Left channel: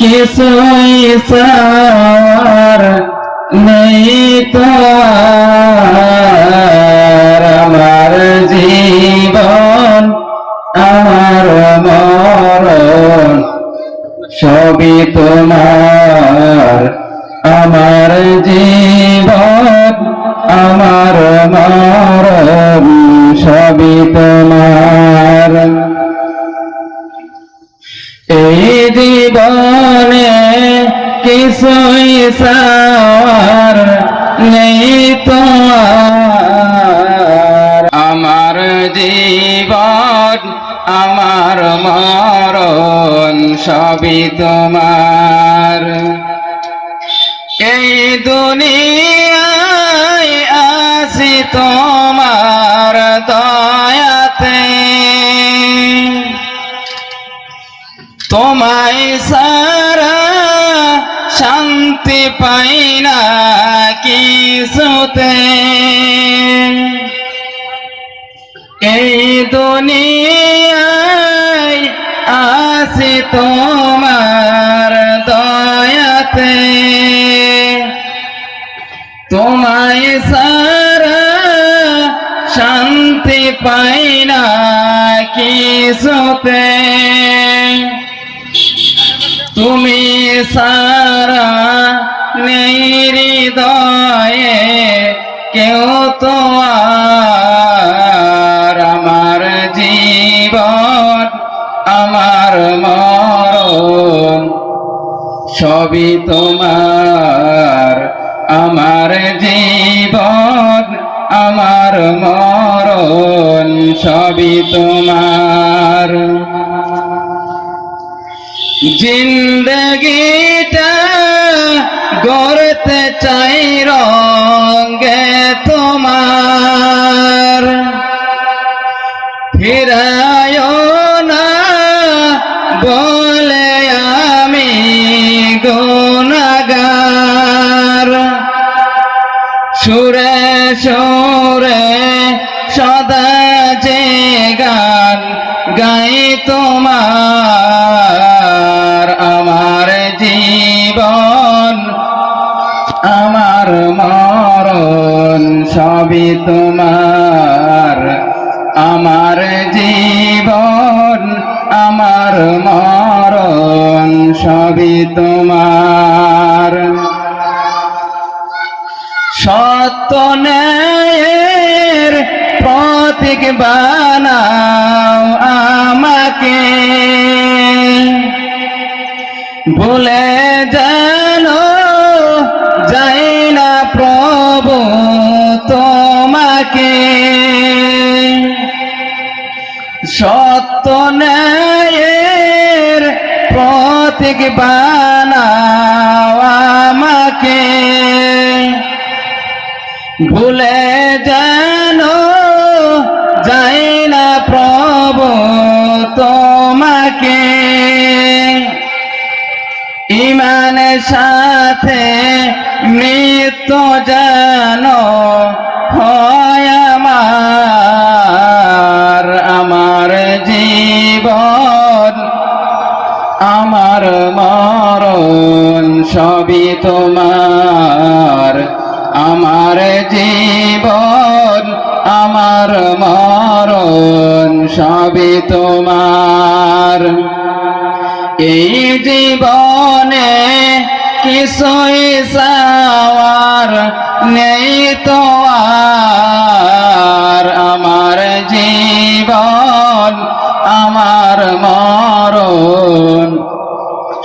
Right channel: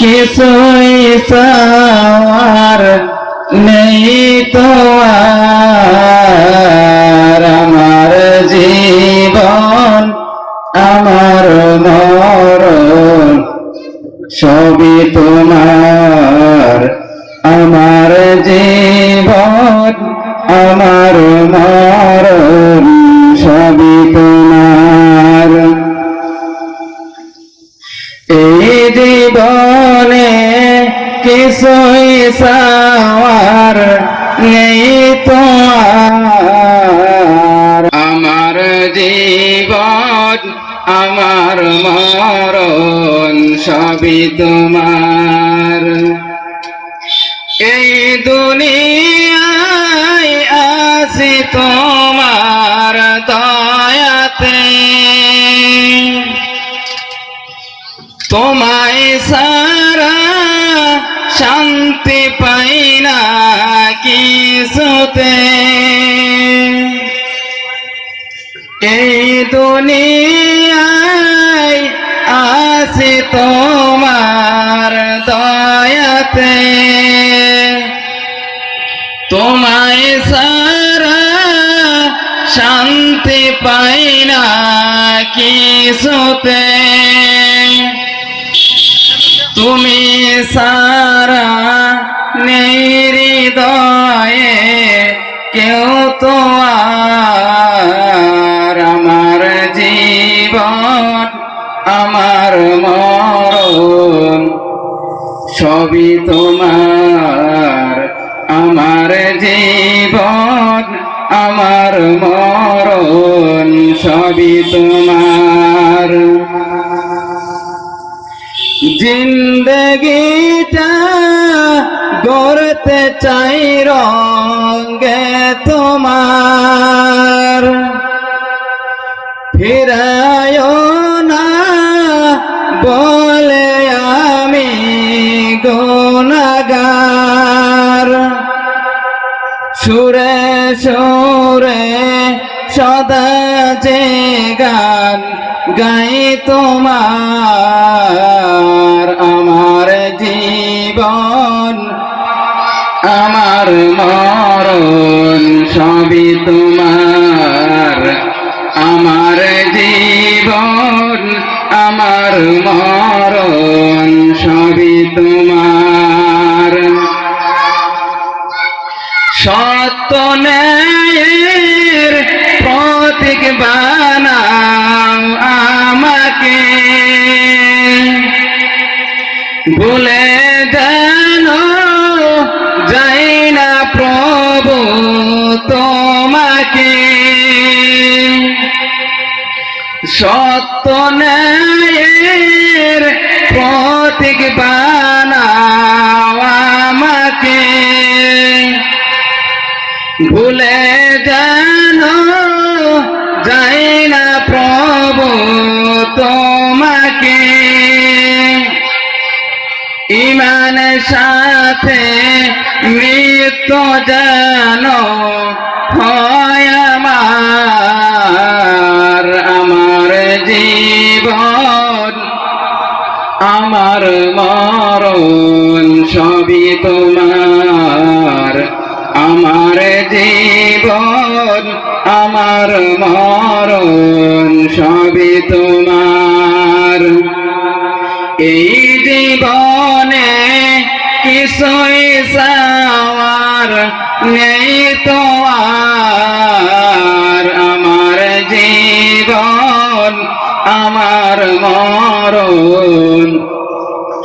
কিছুই সার নেই তো আমার জীবন আমার মরণ সবই তোমার। আমার জীবন আমার জীবনে কিছুই সার নেই তো। আমার জীবন, আমার মরণ সবই তোমার এই দুনিয়ায় আসি তোমার তোমায় সারা শান্তি পাই না কিছুতে। এই দুনিয়ায় আসি তোমার দয়াতে। তোমায় সারা শান্তি পাই না কিছুতে। তুমি সারা নেই হৃদয়ে কেউ তো আমার জীবন, আমার মরণ, সবই তোমার, আমার জীবন, আমার মরণ, সবই তোমার। জিন্দগিটা গড়তে চাই রঙ্গে তোমার। ফিরায় না বলে আমি গুণাগার। সুরে সুরে সদা যে গান গাই তোমার। জীবন, আমার মরণ সবই তোমার। আমার জীবন, আমার মরণ সবই তোমার। সত্য ন্যায়ের প্রতীক বানাও আমাকে। বলে সত্য ন্যায়ের প্রতীক বানাও আমাকে। ভুলে যেন যাই না প্রভু তোমাকে। ইমান সাথে মৃত্যু যেন মরণ সবই তোমার। আমার জীবন, আমার মরণ সবই তোমার। এই জীবনে কিছুই সাওয়ার নেই তো আমার জীবন, আমার মরণ